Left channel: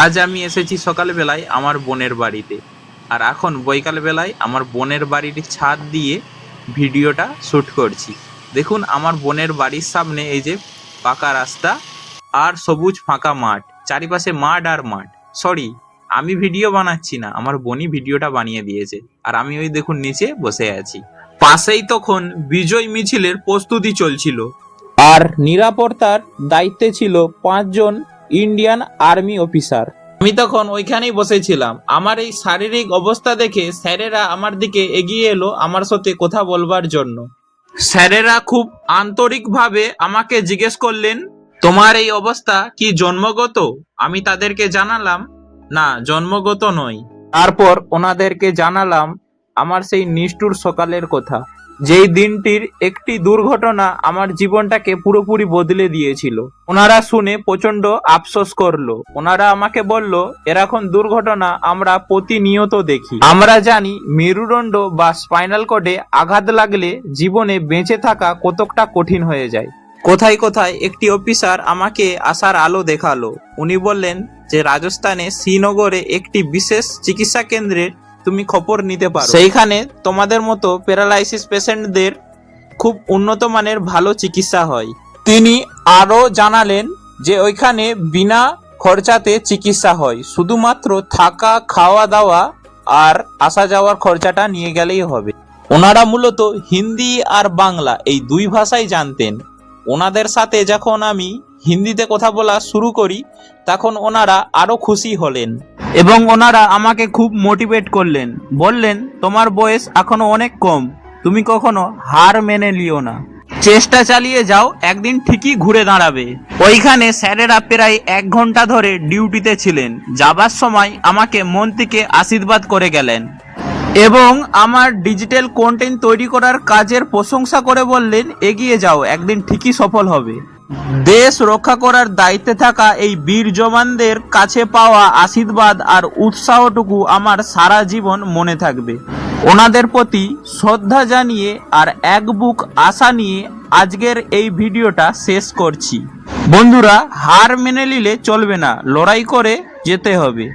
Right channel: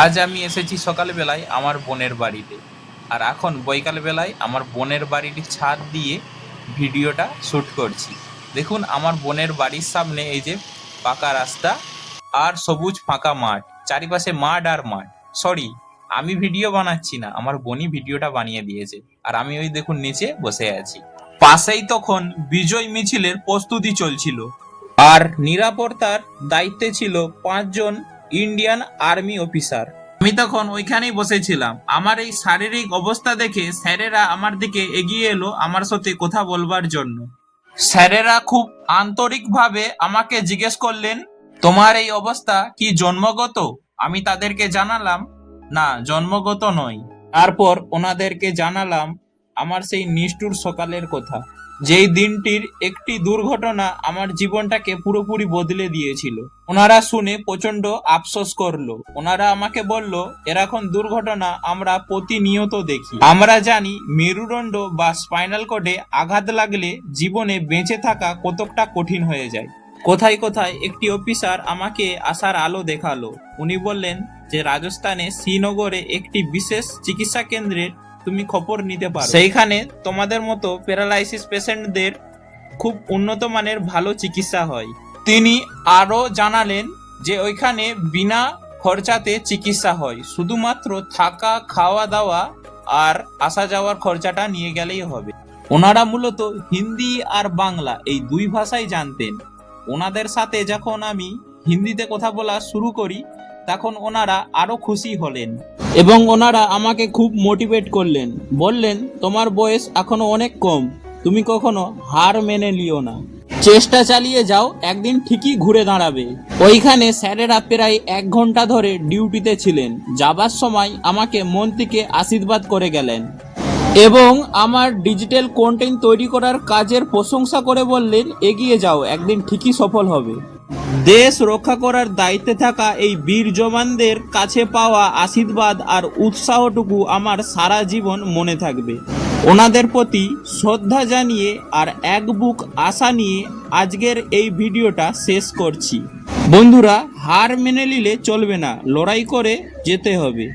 আজ আমি এসেছি সকালবেলায় আমার বোনের বাড়িতে, আর এখন বৈকালবেলায় আমার বোনের বাড়ির ছাদ দিয়ে ভিডিওটা শ্যুট করছি। দেখুন আমার বোনের বাড়ির সামনে এই যে পাকা রাস্তা আর সবুজ ফাঁকা মাঠ, চারিপাশে মাঠ আর মাঠ। সরি, আমি ভিডিও বানাচ্ছি না, আমার বোনই ভিডিওটা বানিয়ে দিয়েছে। আর আমি ওই দেখুন নিচে বসে আছি। পাশেই তখন বিজয় মিছিলের প্রস্তুতি চলছিল, আর নিরাপত্তার দায়িত্বে ছিল 5 জন ইন্ডিয়ান আর্মি অফিসার। আমি তখন ওইখানেই বসেছিলাম। আমার এই শারীরিক অবস্থা দেখে স্যারেরা আমার দিকে এগিয়ে এলো আমার সাথে কথা বলবার জন্য। স্যারেরা খুব আন্তরিকভাবে আমাকে জিজ্ঞেস করলেন, তোমার এই অবস্থা কি জন্মগত? আমি তাদেরকে জানালাম, না, জন্মগত নয়। তারপর ওনাদেরকে জানালাম আমার সেই নিষ্ঠুর সকালের কথা, যেই দিনটির একটি দুর্ঘটনা আমার জীবনটাকে পুরোপুরি বদলে দিয়েছিল। ওনারা শুনে প্রচন্ড আফসোস করলো। ওনারা আমাকে বলল, এরকম দুর্ঘটনা আমরা প্রতিনিয়ত দেখি। আমরা জানি মেরুদণ্ড বা স্পাইনাল কর্ডে আঘাত লাগলে জীবনে বেঁচে থাকা কতটা কঠিন হয়ে যায়। কোথায় কোথায় একটি অফিসার আমাকে আসার আলো দেখালো। উনি বললেন যে রাজস্থানে শ্রীনগরে একটি বিশেষ চিকিৎসা কেন্দ্রের তুমি খবর নিতে পারো, সেইখানে তোমাদের মতো প্যারালাইসিস পেশেন্টদের খুব উন্নত মানের ভালো চিকিৎসা হয়। তিনি আরো জানালেন যে ওইখানে বিনা খরচাতে চিকিৎসা হয়, শুধুমাত্র থাকা, খাওয়া দাওয়া আর আসা যাওয়ার খরচাটা নিয়ে গেলেই হবে। ওনারা মূলত হিন্দি আর বাংলা এই দুই ভাষাই জানতেন। ওনাদের সাথে যখন আমি হিন্দিতে কথা বলা শুরু করি তখন ওনারা আরো খুশি হলেন এবং ওনারা আমাকে খুব মোটিভেট করলেন। বললেন, তোমার বয়স এখনো অনেক কম, তুমি কখনো হার মেনে লিও না, চেষ্টা চালিয়ে যাও, একদিন ঠিকই ঘুরে দাঁড়াবে। ওইখানে স্যারেরা প্রায় 1 ঘন্টা ধরে ডিউটিতে ছিলেন। যাবার সময় আমাকে মন থেকে আশীর্বাদ করে গেলেন এবং আমার ডিজিটাল কন্টেন্ট তৈরি করার কাজের প্রশংসা করে বললেন, এগিয়ে যাও, একদিন ঠিকই সফল হবে। দেশ রক্ষা করার দায়িত্বে থাকা এই বীর জওয়ানদের কাছে পাওয়া আশীর্বাদ আর উৎসাহটুকু আমার সারা জীবন মনে থাকবে। ওনাদের প্রতি শ্রদ্ধা জানিয়ে আর এক বুক আশা নিয়ে আজকের এই ভিডিওটা শেষ করছি। বন্ধুরা, হার মেনে নিলে চলবে না, লড়াই করে যেতে হবে।